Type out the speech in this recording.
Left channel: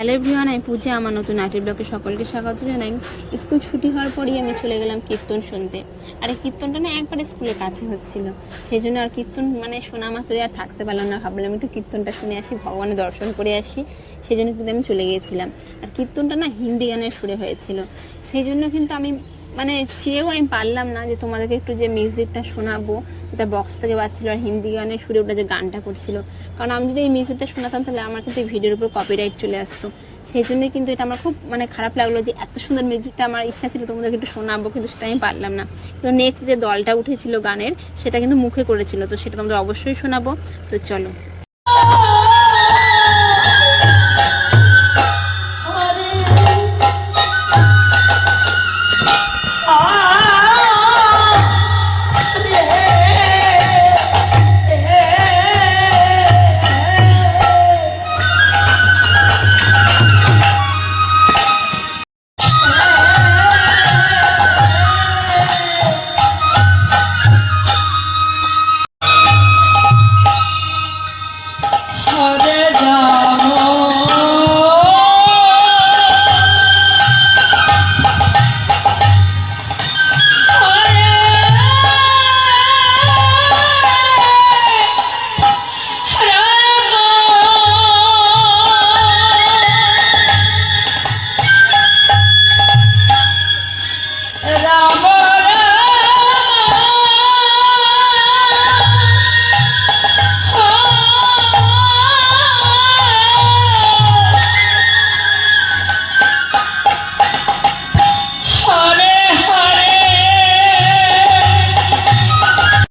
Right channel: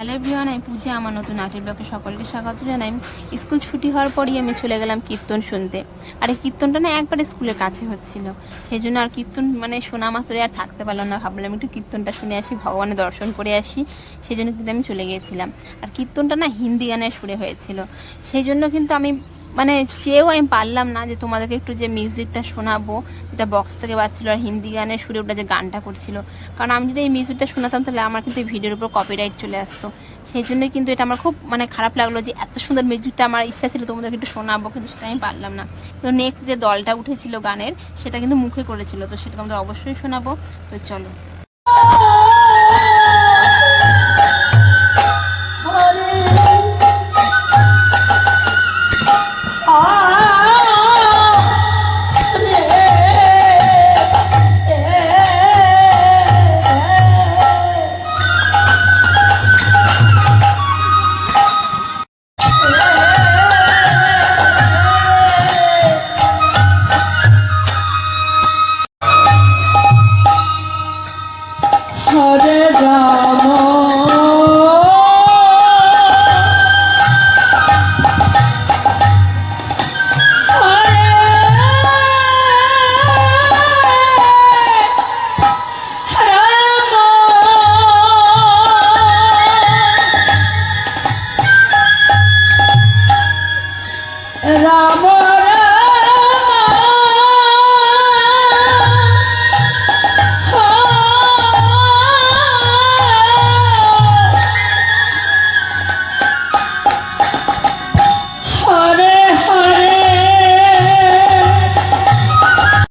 Hello everyone, আমি পূজা। আমার নতুন নাটের ব্লগে সকলকে স্বাগত জানাই। স্কুল ছুটি হওয়ার পরই আমি চলে গেলাম কীর্তন শুনতে। আর এই কীর্তনটা না একবার স্কুলের কাছে হচ্ছিল, সেই জন্য আর কীর্তন শোনা মাত্রই আর থাকতে পারলাম না। ভাবলাম একটু কীর্তনটা শুনে আসি, ভগবানের দর্শন করে আসি, সেই জন্য কিন্তু আমি চলে গিয়েছিলাম। আর কীর্তনটা না হিন্দি গানের সুরে হয়েছিল, সেই জন্য কিন্তু আমি চেয়েও আমি পারলাম না যে তোমাদেরকে একটু যে মিউজিকটা শোনাবো, যেটা বক্স থেকে বাজছিল আর হিন্দি গানের সুরে ওটা যে গানটা করছিল। কারণ আমি যদি এই মিউজিকটা শোনাতাম তাহলে আমার কিন্তু এই ভিডিওর উপর কপিরাইট চলে আসতো। সেই জন্য কিন্তু এটা আমার খুব খারাপ লাগলো যে এত সুন্দর মিউজিকটা আমার ইচ্ছা ছিল তোমাদেরকে একটু শোনাবো, কিন্তু সেটা আমি পারলাম না। তো নেক্সট যে দলটা উঠেছিল গানের, সেটা কিন্তু মুখে করেছিল, তো সেটা তোমাদের অবশ্যই শোনাবো। তো চলো। Hare Rama